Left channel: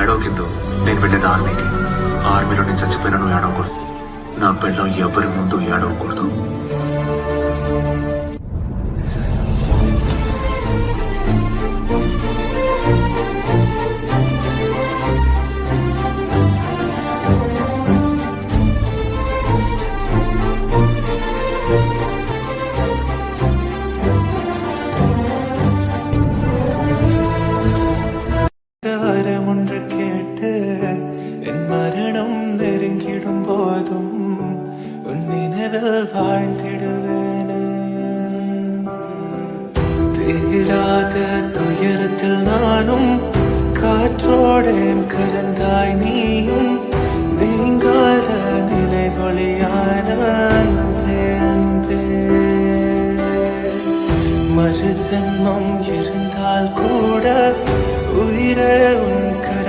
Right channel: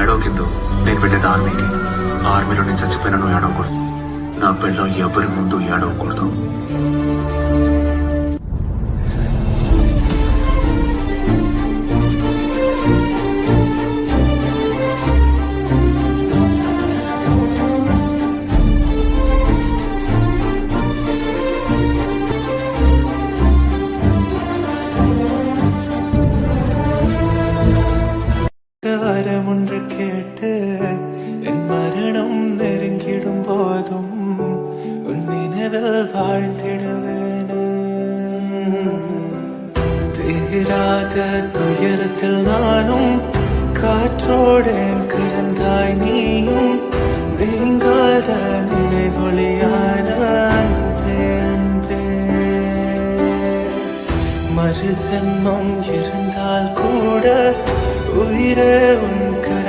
ఏడవకిందో నేను వెళ్ళేది ఆర్మీకి. ఆర్మీలో నేను చచ్చిపోయినా నువ్వు ఏడవకూడదు. నా పెళ్ళం ఎవరి ముందు ఏడవకూడదు. வரம் ஒன்று கேட்டு என் மரணம் நெருங்கிடும் போதும் உன் நினைவில் வாழ்ந்திடுவேன். தீராத துயரத்தில் நானும் காற்றோடேன் கலந்தாய் நீயும் நீங்காத நினைவொளியான அன்பே அன்பே. மறு ஜென்மம் இருந்தால் கூட உயிரே உன்